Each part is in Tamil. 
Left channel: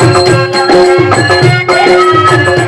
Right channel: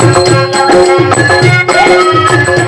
Thank you.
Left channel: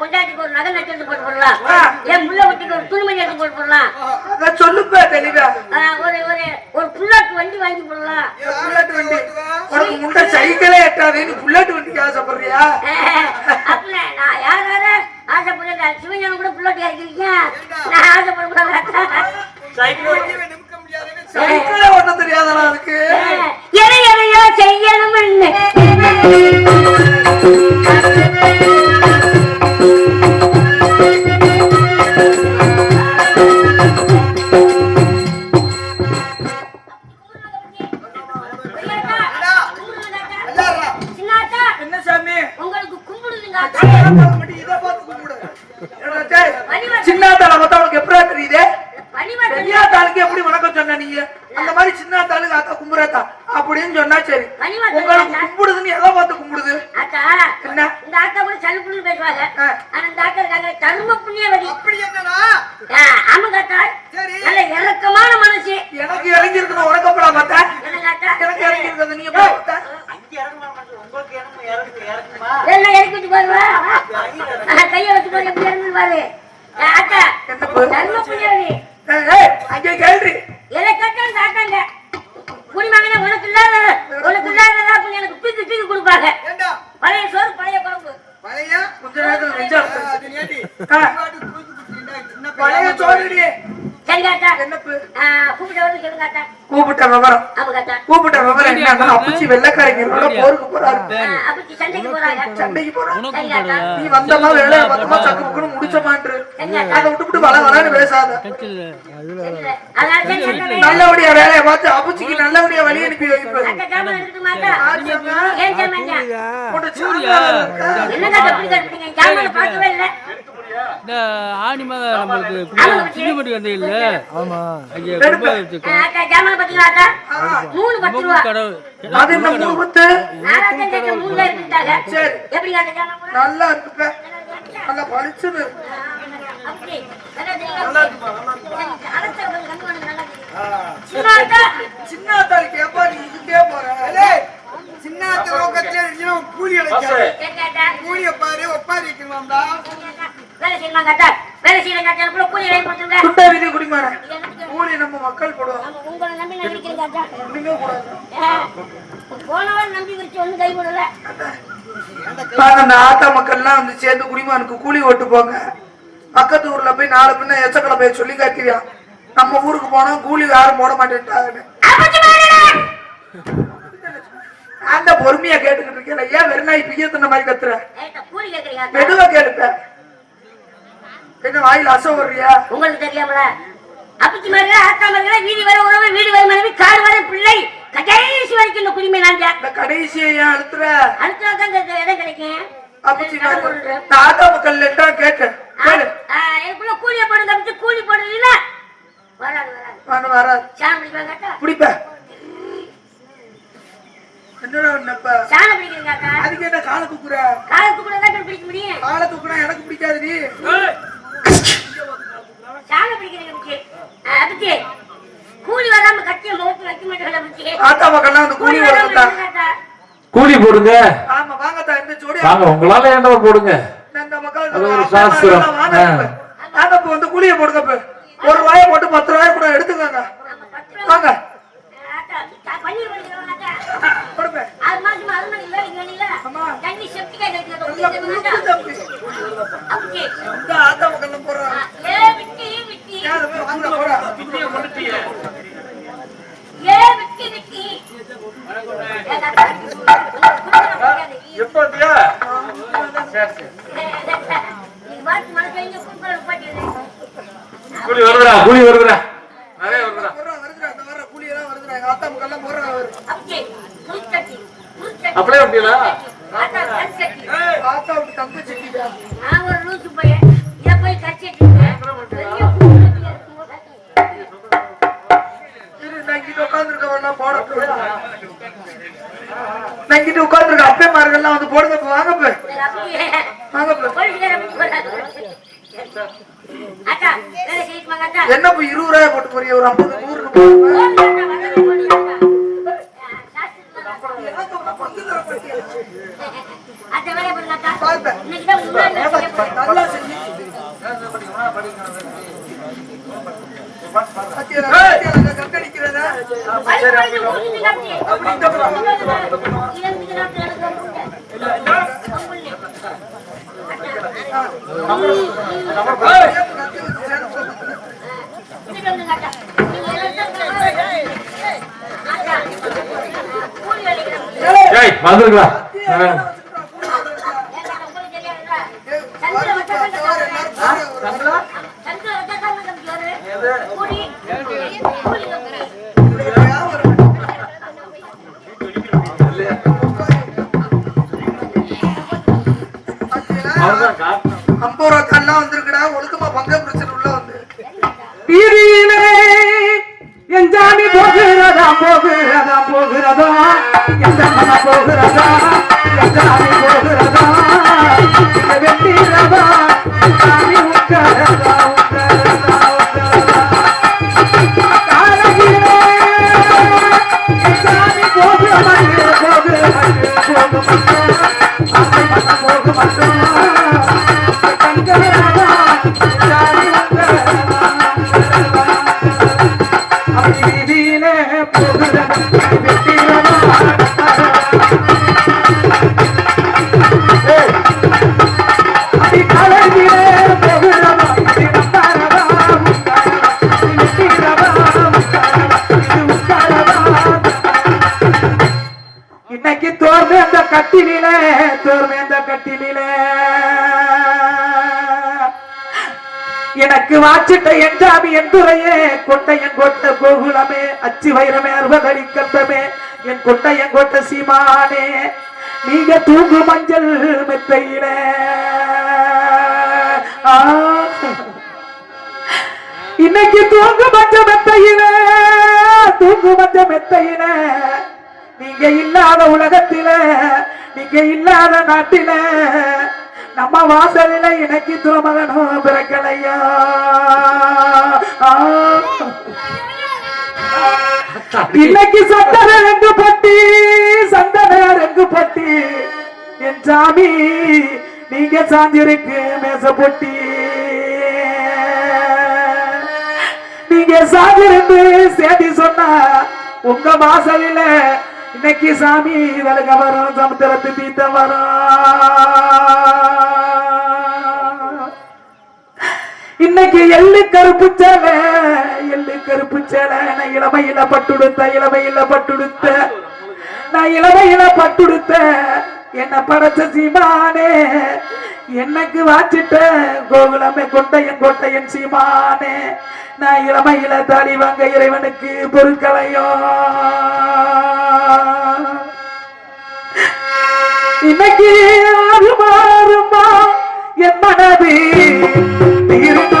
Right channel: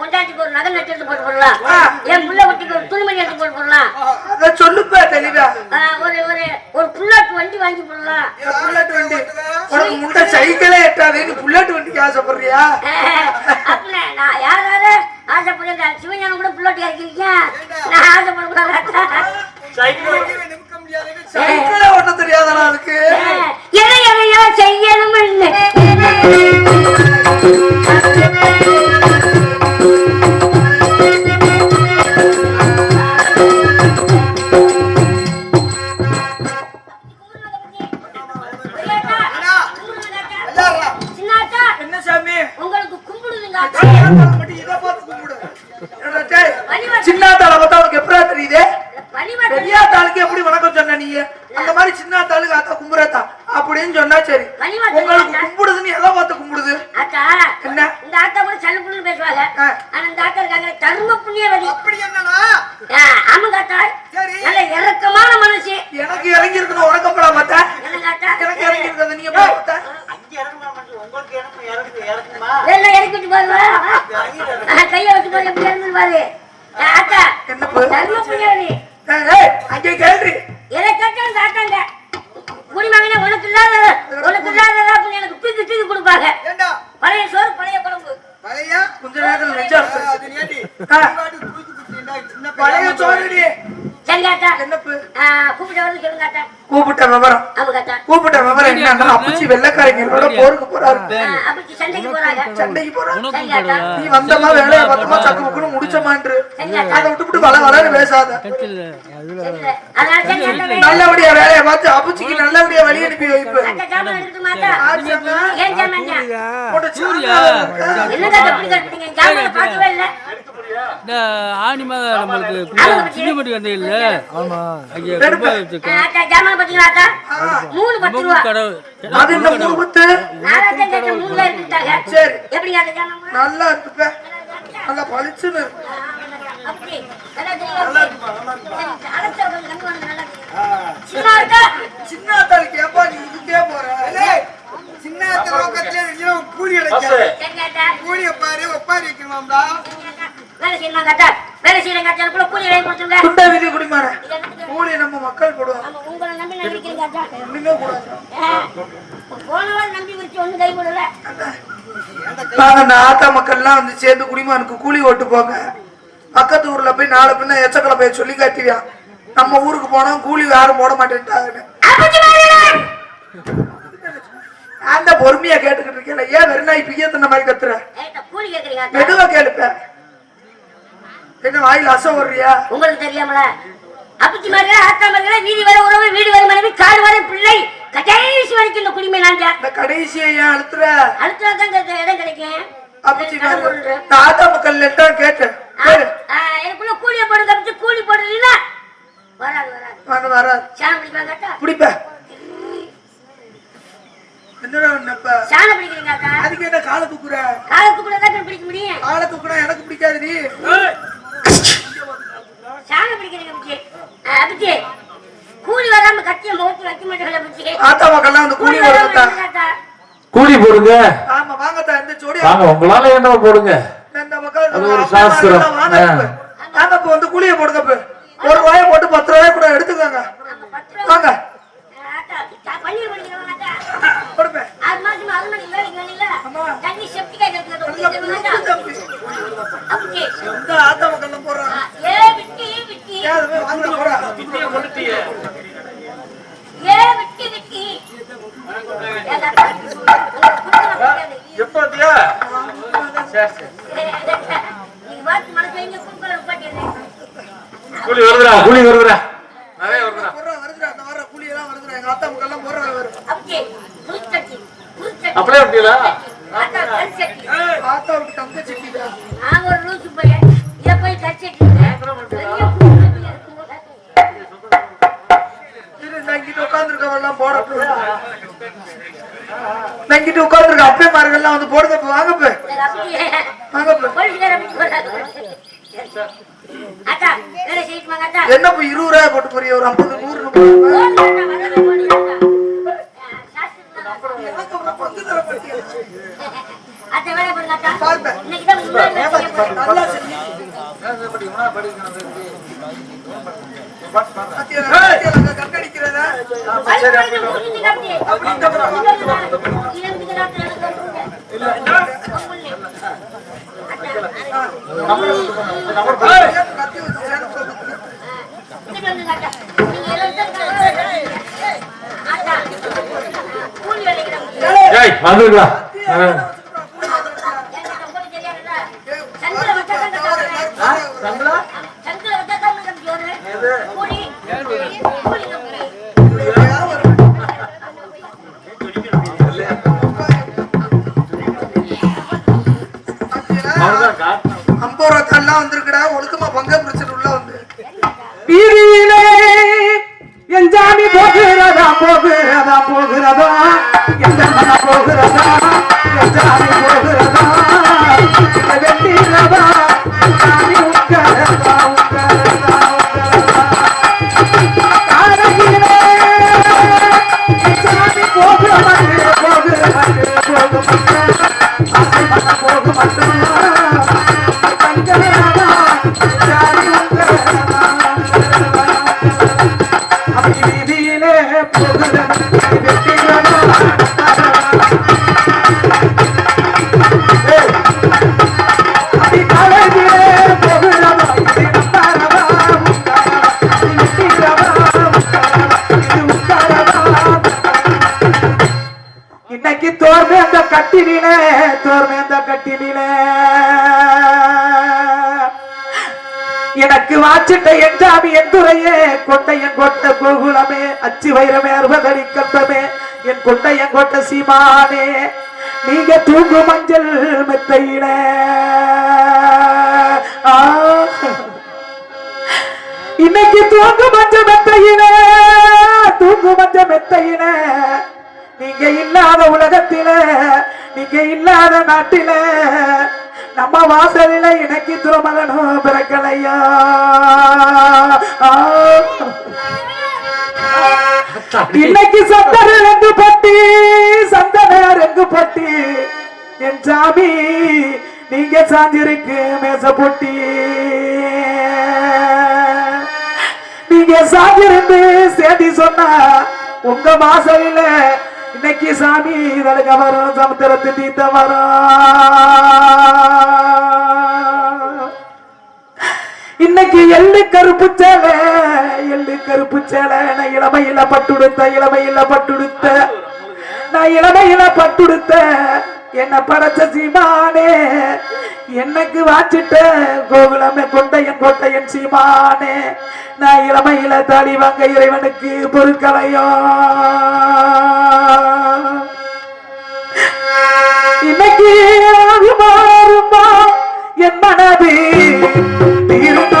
பொண்டாட்டிக்கு ஒரு நகை நட்டு எடுத்து போட்டு போடலாம். என் புள்ள குட்டிக்கு ஒரு துணிமணி எடுத்து போட்டு போடலாம். சொல்லுப்பா தெளிவா. ஒரு ஒரு ஒரு புல்லாட்டு வண்டி வாங்கி போடலாம். புல்லட் வண்டி? உனக்கு முந்த சைக்கிளே எட்டாதே நீ புல்லட் வண்டிக்கு ஆசைப்படுறியா? அப்ப நான் யார் யார ஆசைப்படுறேன் சிவஞானம் கூட புல்லாட்டு இறக்கிருக்கீங்க. நான் சைக்கிள் நிமிக்க முடியாதுன்னு சைக்கிளே ஓட்ட தெரியாதாடா அதுக்கு. சின்னாத்தாள பார்த்தா உனக்கு எப்படா தெரியுது? பெரிய தாளுக்கு எப்படி வணக்கம் சொன்ன நீ? அந்த மாதிரி சின்ன தாளுக்கு அத்தா கும்புறத்தா. அப்படின்னு சொன்னா சரி. உங்களுக்கு கும்பிடுதுன்னு எதை பார்த்து கும்பிடுது? என்ன? இந்த ஆத்தா கூட சலுப்புன்னு பேசுவாங்க. ஆனா இந்த ஆத்தா இருக்காங்க தர்ம புண்ணியவதி. அப்படி என்னன்னா ஆ, ஆமாங்க ஆத்தா சரி. நல்ல இறக்கமான மனசு. எனக்கு இறங்கி இருக்கணும் உனக்கப்படா பார்த்தா எனக்கு இறங்கி இருக்கிறத நீங்க பார்த்தா எல்லாம் இறக்கிட்டு பாருவா கையை வச்சு பாரு எப்படி இறங்குது பாரு என்னப்பா? தர்ம ஏய், அங்கே கேள்வி எதை கேட்டாலும் தாத்தாங்க. குடிமகனே உனக்கு இல்லாத உனக்கு இல்லாததா அப்படி எனக்கு தூக்கி தூக்கி கொடுப்பாங்க. ஏண்டா? பழைய சோறு பழைய குழம்பு. பழைய? கொஞ்ச நேரத்துல பழைய பையன் கூப்பிட்டு விவரம் கூப்பிட்ட விவரம்? என்னன்னா அப்பச்சி வெள்ளக்காரங்களோட போருக்கு போறாரு சண்டைக்கு போறாரு நீ வந்தமா வேலையை பார்த்தமா சக்கு முடிச்சமான்று அதை விட்டுவிட்டு வள வளன்னு பேசாத. நல்லபடியா வேலையை பார்த்து அப்பச்சிக்கு நல்லபடியா வழி அனுப்பி வைப்பு இந்த ஆணி மாதம் நம்மளுக்கு சிங்கப்பட்டி வந்து இல்ல ஆமா. அங்கே பத்து ரூபா. கடவுள். கூட? நல்லா இருக்குப்ப. நல்லா பளிச்சுன்னு இருக்கு. அப்படி. நல்லா தெரியுமா? சரி, அலட்சியம் பண்ணி கம்மி பண்ணுங்க, நல்லா தெரியும். சின்ன ஆத்தா, சின்ன ஆத்தாளுக்கு ஏப்பா நீ இதுக்கே போற. ஏய், சின்ன நோக்கத்துல கூலி அடைக்காது. கூலிய பாரு ஒப்பாரி வைக்கணுமாம்டா. வேலை செய்யலாங்க ஆத்தா. வேலை. எனக்குள்ள கூலி வாங்கி கொடுத்துருங்க. குட்டை விதி குடிமாற இது என்னத்துக்கு? கூலி நம்ம மக்கள் போடுவாங்க உங்களை நம்பி. ஒண்ணுமே கூடாது நம்பி கை ஆத்தா மக்கள்லாம் வந்து சேர்ந்து குடிமானுக்கு கூலி ஓட்டு போங்க பக்கத்து ஊர்ல போய் நாலு பின்ன எச்சக்கலை போய் சொல்லி காட்டுவியா நம்ம ஊருக்கு போனா கூலி யாரும் போட மாட்டேன்ட்டாங்க. அந்த பொறுமையா கேட்டுக்கிட்டு இருக்கேன் ஏன் வெறுநாய் பிய்ய தின்ன மாதிரி கத்துற ஏன்டா கூலி கேக்குறீங்க ஆத்தா? மெதுவா கேளுப்ப என்ன வாயில் அசை வர்றியா? உங்களுக்கு தெரியாமல? அப்பச்சி மாதிரி ஆத்தா மாதிரி வீதி வர உறவு வீடு வரை மனைவி காடு வரை பிள்ளை கடைசி வரைக்கும் இந்த குடிமை நாங்க இந்த கடைசியை ஏன் அழுத்துற? அடுத்த தான் இடம் கிடைக்கும் அப்பச்சி நான். நான் ஆத்தா மக்கள் தான் கேட்டேன் எனக்குள்ள கூலிய போடுங்க அப்படி கூலி போடுறீங்களா வராது வராது. வராது சாணம் பிடிக்கலாம் கேட்டா? பிடிப்ப. என்னடா என்னப்ப சாணம் பிடிக்கிறீங்க அக்கா. அதுக்கு என்ன காலை தூக்குற காலத்து கூட தான் பிடிக்க முடியும்? காலை தூக்குனா எனக்கு பிடிக்காது நீ. மக்கள் வந்து கூலி போடுங்க கூலி போடுங்க. ஆமா வாங்க இந்த ஜோடி உங்களால என்ன போடுங்க? இந்த மக்கள் அது வாங்க இப்போ வந்து கூலிய போடுங்க ஒரு ரூபாய போட்டு பத்து ரூபாய் கூட எடுத்துக்கோங்க. வாங்க. ஆத்தா மக்கள் போடுறாங்க? கூலி வருதுடா கூலி வருதுடா. நிறைய வருதுடா வருதுடா. அந்த வர கூலி எல்லாம் வருதுடா. எங்க அத்தா முக்கெல்லாம் போடுறாங்க வரும் அப்படியே அப்படியா ஆத்தா விட்டு தங்க செட்டிடா நான் ஒரு லூசு பையன் இத போய். கட்சிட்டு நங்கிட்டு உட்காந்துருக்க வேண்டாம் போட நங்கிட்டு உட்கார்ந்துருக்க அப்பே மார்கள் வந்து போடுறப்ப வாங்க போய். என்ன இருபது ரூபாய் போட்டு போறீங்க ஒரு ஐம்பது நூறு கட்டடிக்கிறதா? அப்படி என் போகிறதா போகிறதா போகிறதா? எந்த போகிறதா? இன்னைக்கு தோர்மேந்த கட்டிலே தோர்மேந்த கட்டிலே எனக்கு வாச்சிட்ட என்றாமி என்றுரையே கொட்டையன் கொட்ட கோகுலமே அச்சு வைரமே அறுபதடி கட்டமே என் கொட்டையன் கொட்ட சீமானே. நீங்க தூங்கு மஞ்சள் மெத்தையில. ஆ. இன்னைக்கு தூங்கு மஞ்ச மெத்தையில தூங்கு மஞ்ச மெத்தையில. நீங்க இல்லாத உலகத்தில நீங்க இல்லாத நாட்டில நம்ம வாசலில எனக்கு திருமகனும் பிறக்கலையா. இன்னைக்கு சந்தன ரெங்கு பட்டி சந்தன ரெங்கு பட்டி. என் சாமி நீங்க சாஞ்சிருக்கு மேச பொட்டி. நீங்க சாஞ்சிருந்து சேதி சொன்னா உங்க வாசலில இன்னைக்கு சாமி விலக வரும் சமுத்திரத்து தீர்த்த வரும் இன்னைக்கு எள்ளு கருப்பு சேலை எள்ளு கருப்பு சேலை. நான் இளமையில பட்டுடுத்த இளமையில பட்டுடுத்த. நான் இளமையில பட்டுடுத்த. என்ன படைச்ச சீமானே என்னைக்கு வாச்சிட்ட கோகுலமே கொண்டையன் கொட்டையன் சீமானே. நான் இளமையில தாடி வாங்க இறைவனுக்கு பொருட்களையோ. இன்னைக்கு மாறுமா? என் மனது தீருமா